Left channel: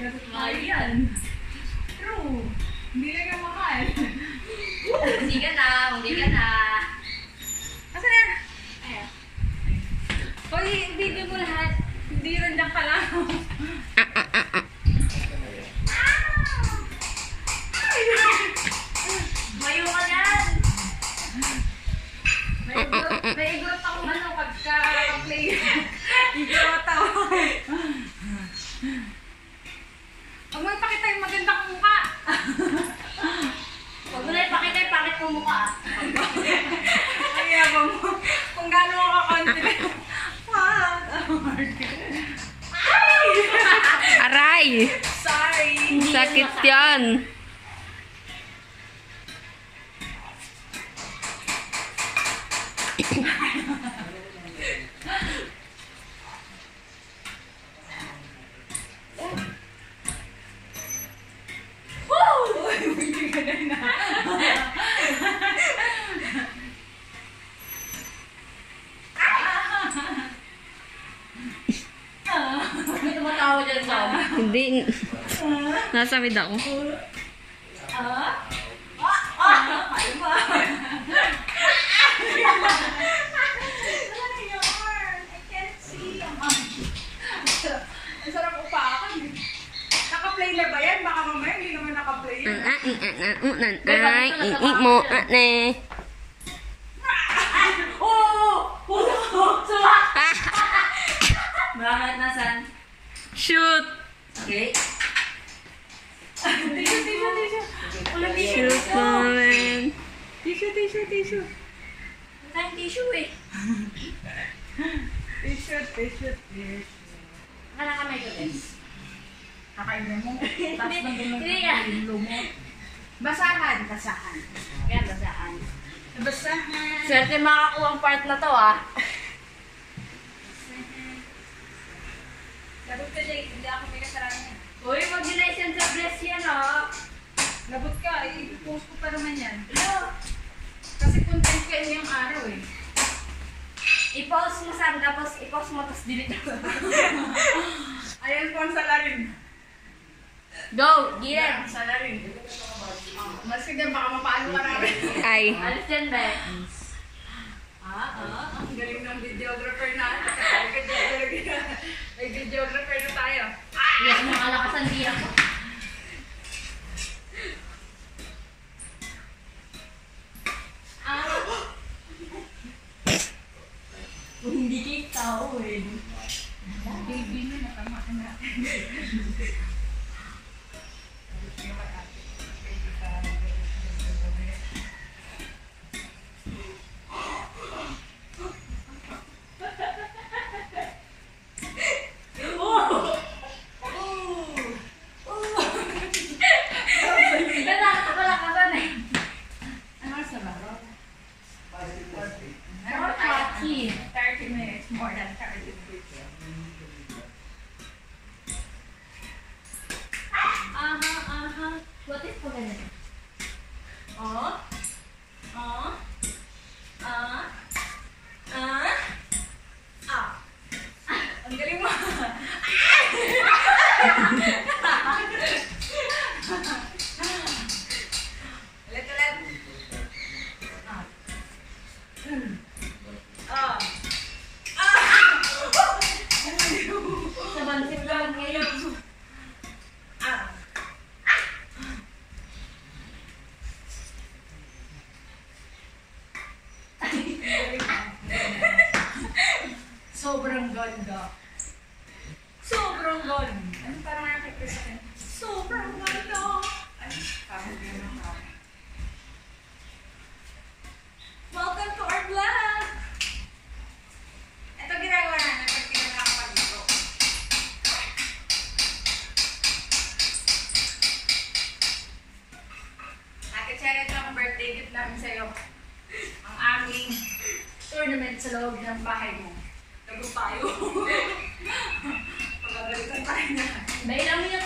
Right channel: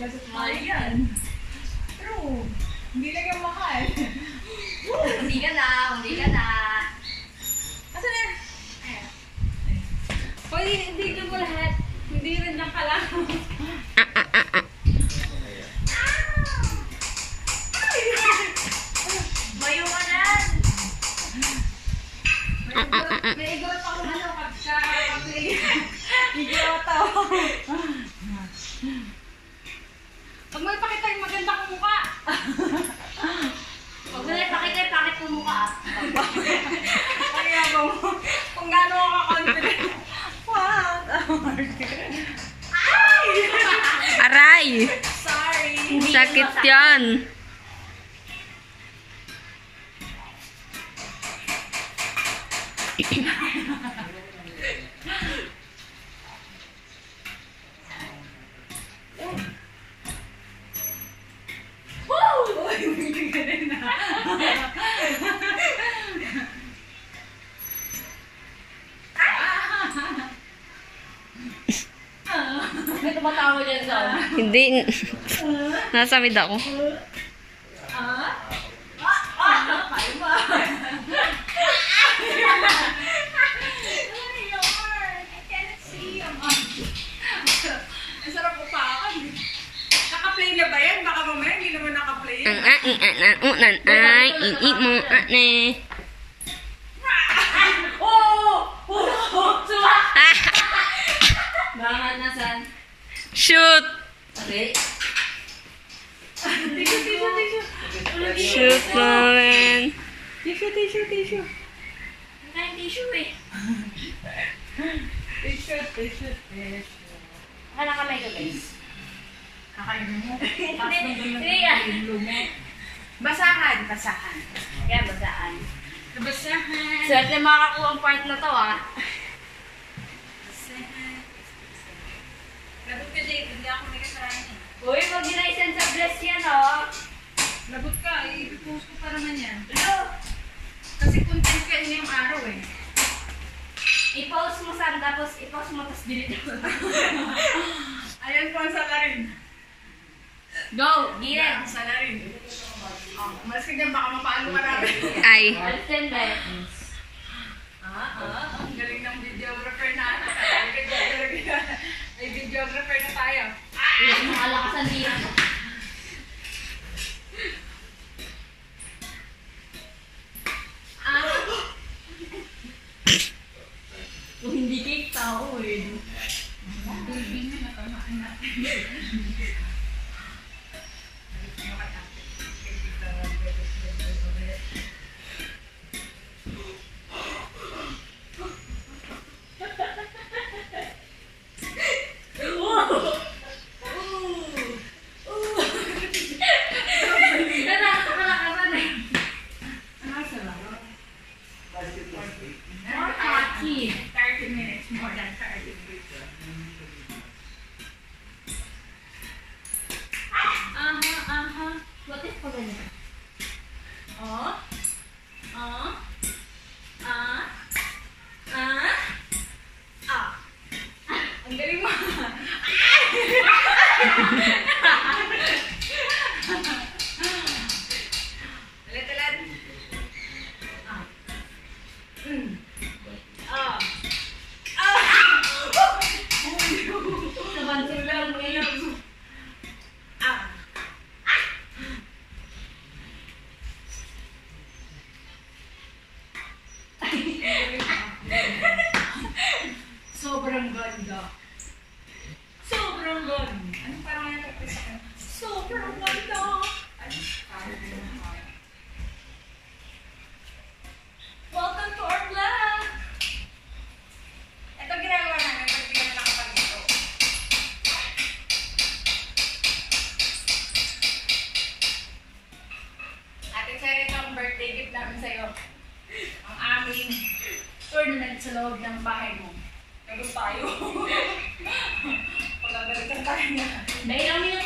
Mahal yan. True. Hindi lang yung mahal. Hindi ka na, hindi ka na. Asa na? Ayan. Pwede i-video mo lahat. Hindi rin lang ka lang. Mayo ka yan. May igorot akong ano, ka-play. Igorot ako. Pag may pakita yung maganda kong mukha. Huwag mo na ipakita yung pangit mo mukha. Ang yabang mo. Kung gaano ako ka-confident. What? Aray! Sorry. Sakit yan. May tumatawa dyan sa Hindi. Nasamid ako. Paano ba? Ang sarap upakan. Naka-play na ba yan? Baka mamaya hindi naman naka-play yan. Ay, iit mo, ane. Bakit nasan? Shoot! Okay. Tissue. Shoot namin. Tissue. Kain tissue eh. Tissue. Hala ka may guys. Kakainin mo. Tapos Hindi yan. Basahan. Kaya basaan. Basahan. Swerte makakuha ang part na to ah. Labot ka, Jake. Hindi ako pinasarahan eh. Uy, mag-license sa bless yan oh. Labot ka. I-post ko pa naman yan. Hello. Kasi content ka ngayong araw eh. I-pause mo saan, tapos i-pause mo, tapos delete mo. Ayan po ang salarin. Go! Giren! Salarin. Umalis ka dyan, baka mapaano ka namin. Ay. Alis yan ba? Ang galing ng videographer na. Ay, videographer na tayo. Iyan, makalakas ang tira. Kung hindi kayo tao eh. Baby na nakamaan natin. Nakakalakan eh. Ano sa laro? More hockey. 30 minutes. More than 30 minutes. What if pag ganyan? Ang galing mo. Ulit. Sa bansin lang ngayon. Sobrang ganda. Sobrang ganda. Ano parang nakakapit sa akin? Sobrang ganda. Ay, kapag yun. Welcome to our vlog! Ito ginagawa namin pag hindi na nakapag-intro. Ate Cherry, ang birthday gift namin sa'yo. Ang aming tournament sa loob ng bahay mo. Nagod tayo. Pagagalitan tayo na. Dahil lang yung